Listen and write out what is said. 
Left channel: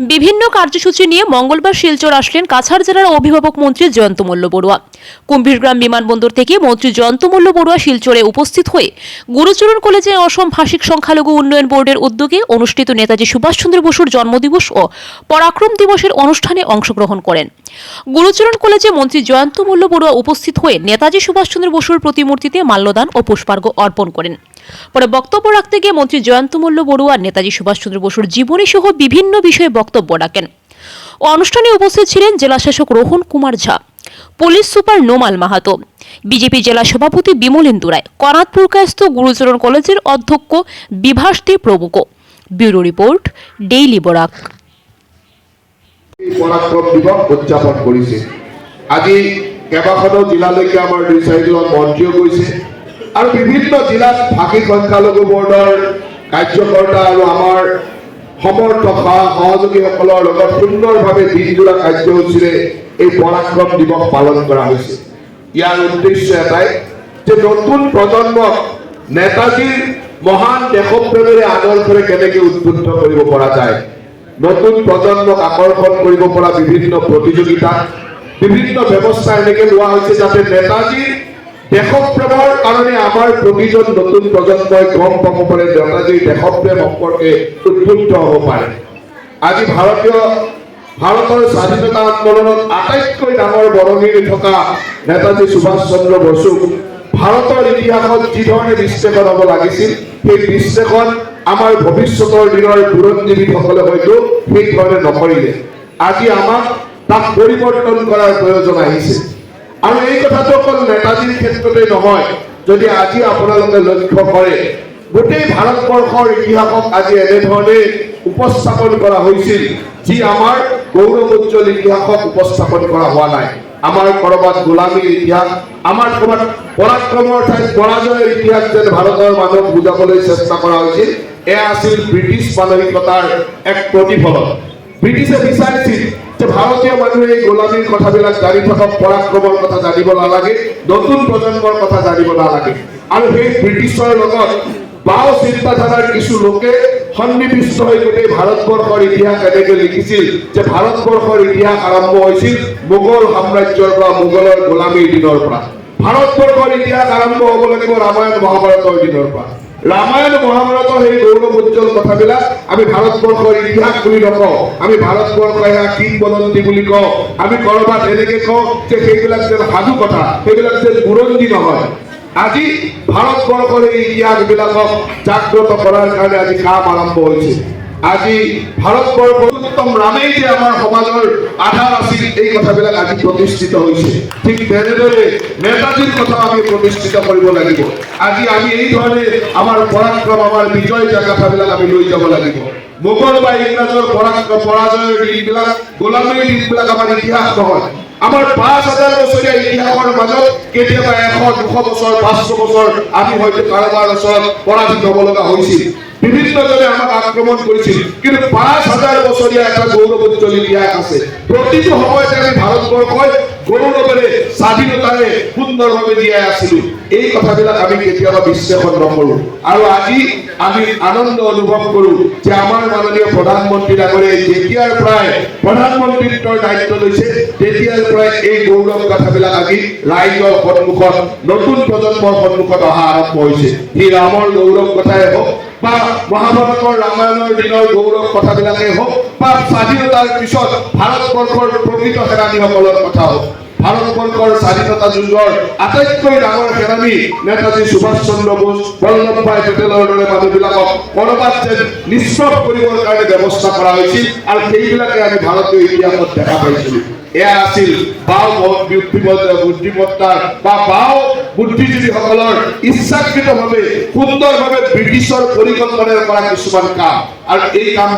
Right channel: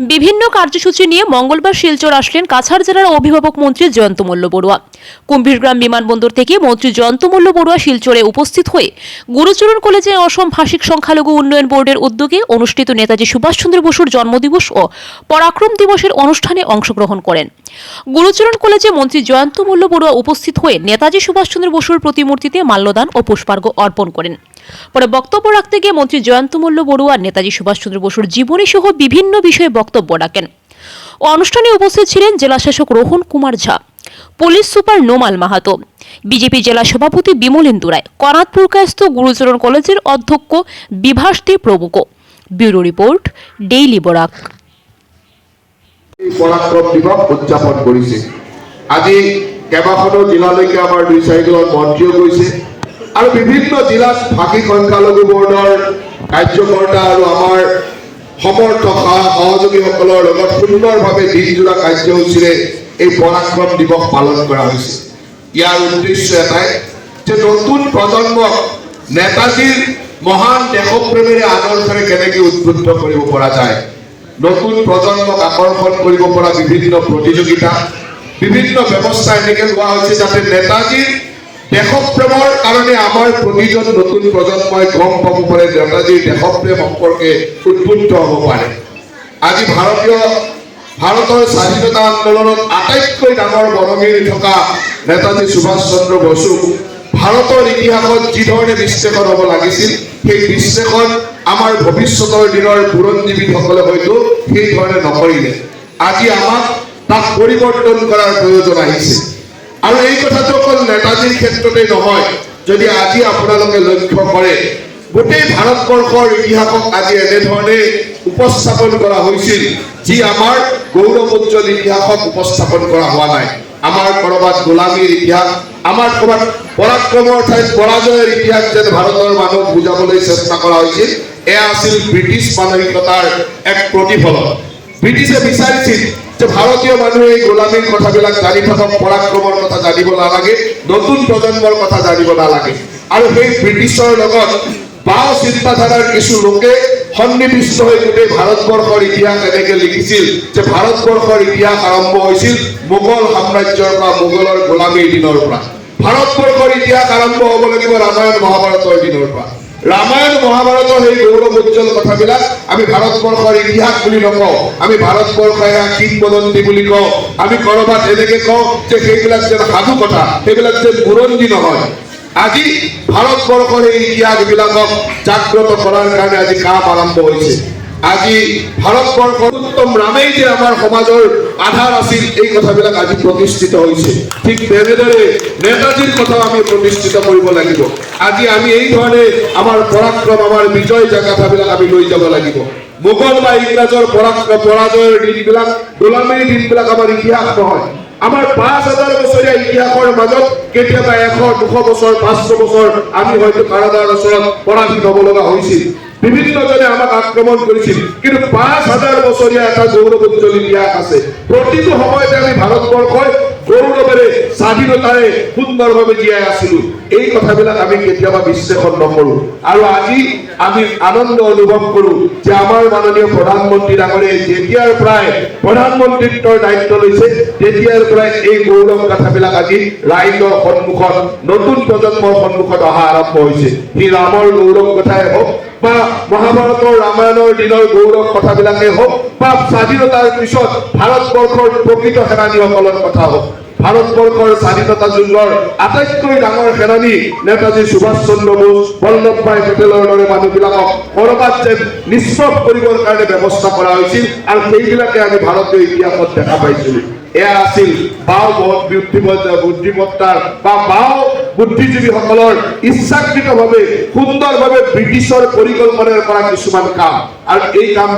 বিভিন্ন কার্যসূচি নিয়ে মঙ্গলবার শিলচর আসলেন কাছাড় জেলার অভিভাবক মন্ত্রী জয়ন্ত মল্ল বড়ুয়া। কুম্ভীরগ্রাম বিমানবন্দর থেকে মন্ত্রী জয়ন্ত মল্ল বড়ুয়া শিলচরে উপস্থিত হয়ে গুরুচরণ কলেজে অসম ভাষিক সংখ্যালঘু উন্নয়ন বোর্ডের উদ্যোগে অনুষ্ঠিত নেতাজি সুভাষচন্দ্র বসুর জন্মদিবস ও পরাক্রম দিবসের অনুষ্ঠানে অংশগ্রহণ করেন। গুরুচরণ কলেজে মন্ত্রী জয়ন্ত মল্ল বড়ুয়া উপস্থিত হয়ে নেতাজি সুভাষচন্দ্র বসুর প্রতিমূর্তিতে মাল্যদান ও পুষ্পার্ঘ অর্পণ করেন। পরে বক্তব্য রাখতে গিয়ে মন্ত্রী জয়ন্ত মল্ল বড়ুয়া নেতাজি সুভাষচন্দ্র বসুর জীবনী সহ বিভিন্ন বিষয়ে বক্তব্য রাখেন। অনুষ্ঠানে উপস্থিত ছিলেন জেলাশাসক Rohan Kumar Jha, police super Nomal Mahato, BJP জেলা সভাপতি বিমলেন্দু রায় কনাথপুর কায়স্থ গুরুচরণ কলেজের অধ্যক্ষ বিভাস দে প্রমুখ ব্যুরো রিপোর্ট, ডেইলি এই পৰাক্ৰম উদযাপন কৰিছে। আজি কেইবাখনো জিলালৈকে আমাৰ দুই চাৰিজন মন্ত্ৰীও গৈছে আৰু বিভিন্ন জিলাত ভাষিক সংখ্যালঘু বৰ্ডৰ কাৰ্যকৰ্তা আৰু আমাৰ সমৰ্থক সহ- সহযোগীসকলৰ লগত সুন্দৰভাৱে দিনজোৰা কাৰ্যসূচীৰে এই পৰাক্ৰম দিৱস পালন কৰা হৈছে। ইয়াৰ উদ্দেশ্য এটাই যে নতুন প্ৰজন্মক নেতাজীৰ মহান দেশপ্ৰেমেৰে আদৰ্শৰে কেনেকৈ উদ্বুদ্ধ কৰিব পৰা যায় নতুন প্ৰজন্মক আকৰ্ষণ কৰিব পৰা বিভিন্ন প্ৰতিযোগিতা, বিভিন্ন ব্যৱস্থা এনেকে লোৱা হৈছে যাতে নেতাজীৰ দেশপ্ৰেমৰ কাৰণে আমাৰ প্ৰতিজন নতুন প্ৰজন্মই গম পাব পাৰে নেতাজীৰ দেশপ্ৰেম সম্পৰ্কে উদ্বুদ্ধ হ'ব পাৰে। আজি ভাৰতীয়, ভাৰতৰ স্বাধীনতা আন্দোলনত আটাইতকৈ ডাঙৰ বৰঙণি থকা নেতাজী সুভাষ চন্দ্ৰ বসুক ভাৰতৰ ইতিহাসত যিধৰণে বিশ্লেষণ হ'ব লাগিছিল, সেই বিশ্লেষণ আমাৰ ভৱিষ্যতৰ দিনৰ বুৰঞ্জীবিদসকলে হয়তো সেইধৰণে নকৰিলে। আজি আমাক তাক পৰিৱৰ্তন কৰাৰ প্ৰয়োজন আহিছে। আৰু এই কথাটো অকল নেতাজীৰ ক্ষেত্ৰতে নহয়, যদি আজি আপোনালোকে লক্ষ্য কৰে, গোটেই ভাৰতবৰ্ষৰ ইতিহাসক আজি এনেধৰণে উপস্থাপন কৰা হৈছিল, যি আমাৰ গৌৰৱোজ্জ্বল ইতিহাসক উপস্থাপন কৰা হোৱা নাই। আমাৰ কৰবাত গোলামীৰ ইতিহাস আমাৰ কৰবাত পৰাক্ৰমৰ ঠাইত পৰাজয়ৰ ইতিহাস যেন ভাৰতৰ মানুহক বুজাবলৈ চেষ্টা কৰা হৈছিল এয়া আছিল ব্ৰিটিছ মানসিকতাৰ এক প্ৰতিফলন ব্ৰিটিছে বিচাৰিছিল যে ভাৰতীয় মানুহে এই গোলামীৰ কথাবিলাক জানি থাকক পৰাক্ৰমৰ কথা জানিব নালাগে, নতুন প্ৰজন্মৰ কথা জানিব নালাগে। আৰু সেই ব্ৰিটিছৰ লগত বাও চিন্তাধাৰাৰ কিছু লোকে সন্নিৱিষ্ট হৈ গোটেই ভাৰতবৰ্ষৰ ইতিহাস এনেকে লিখিছিল। যে ভাৰতবৰ্ষৰ ইতিহাস আৰম্ভ হৈছিল মোগল সাম্ৰাজ্যৰ পৰা মোগলৰ গোলামীৰ দিনৰ পৰা ভাৰতবৰ্ষৰ ইতিহাস আৰম্ভ হ'ব লাগিব ৰামায়ণ মহাভাৰতৰ দিনৰ পৰা ৰামায়ণ মহাভাৰতৰ সেই গৌৰৱ উজ্জ্বল কথাবিলাক আমি ভাৰতবৰ্ষৰ ইতিহাস বুলি নকওঁ। আমি ভাৰতবৰ্ষৰ এয়া কিংবদন্তি বুলি কওঁ। আমি কৰবাত এনেকে কওঁ যে সেইবিলাক যেন সাধু কথা সেইবিলাক যেন বুৰঞ্জী নহয়। আজি ভাৰতবৰ্ষৰ এই ইতিহাসবিলাকক জাগ্ৰত কৰাৰ কাৰণে আজি কাম আৰম্ভ হৈছে আজি ভাৰতবৰ্ষৰ উত্তম ৰামেই যে আমাৰ সমাজৰ আধাৰ আছিল এই কথাবিলাক আজি প্ৰতিষ্ঠিত হৈছে ঠিক তেনেদৰে নেতাজীৰ কথা আমি প্ৰতিষ্ঠিত কৰিব লাগিব। আজি আমি এই ধৰণে আমাৰ পৰাক্ৰম, আমাৰ বিজয় জাগাথাবিলাক আমি লৈ যাব লাগিব। মোগল বা ইংৰাজৰ পৰাক্ৰম, পৰাজয়ৰ দিনবিলাক, গোলামীৰ দিনবিলাক আমাৰ ইতিহাস নহয়। আমাৰ পাঁচ হাজাৰ বছৰীয়া ইতিহাসৰ মাজত কেতিয়াবা এশ দুশ বছৰ, পাঁচশো বছৰ আমি হয়তো কাৰোবাৰ ওচৰত পৰাজিত হ'ব লগা হৈছিল। বিভিন্নজনে আমাক আক্ৰমণ কৰিছিল। কিন্তু পাঁচ হাজাৰ বছৰীয়া এটা গৌৰৱোজ্জ্বল ইতিহাস আছে। প্ৰতিটো সময়তে আমি ভাৰতবৰ্ষই গৌৰৱেৰে, স্বাধীনতাৰে সুন্দৰভাৱে জীয়াই আছিলো। এই কথাবিলাক আমি কেতিয়াবা বিশ্লেষণ নকৰো। আৰু আজি আমি আনন্দ অনুভৱ কৰো যে আমাৰ মাননীয় প্ৰধানমন্ত্ৰী ডাঙৰীয়াই যেতিয়াৰ পৰাই প্ৰধানমন্ত্ৰীত্বৰ দায়িত্ব লৈছে তেতিয়াৰ পৰাই এই গৌৰৱ কথাবিলাক আজি ৰাইজৰ সন্মুখত, নতুন প্ৰজন্মৰ সন্মুখত অহা আৰম্ভ হৈছে। সি ৰামৰ গৌৰৱ কথাই হওক বা মহাভাৰতৰ ৰামায়ণৰ দিনৰ গৌৰৱ কথাবিলাকে হওক বা স্বাধীনতাৰ পিছত ভাৰতবৰ্ষৰ প্ৰকৃত সেনানীসকলৰ কথা হওক। ভাৰতবৰ্ষৰ স্বাধীনতা যুদ্ধৰ আটাইতকৈ ডাঙৰ সেনানী নেতাজী সুভাষ চন্দ্ৰ বোস, বল্লভ ভাই পেটেলৰ দৰে মানুহবিলাকক কৰবাত যেন নিষ্প্ৰভ কৰিবৰ কাৰণে ব্যৱস্থা কৰা হৈছিল আৰু সেইবিলাকে আমি ভাৰতীয় ইতিহাসত দেখা পাইছিলো। এয়া আছিল বাও বুদ্ধিমত্তা, বুদ্ধিমত্তাৰ বা বাও বুদ্ধিজীৱীসকলৰ ইচ্ছাকৃতভাৱে সুন্দৰভাৱে ব্ৰিটিছৰ পৰিকল্পনাৰে কৰা কিছুমান কাম। আৰু এই কাম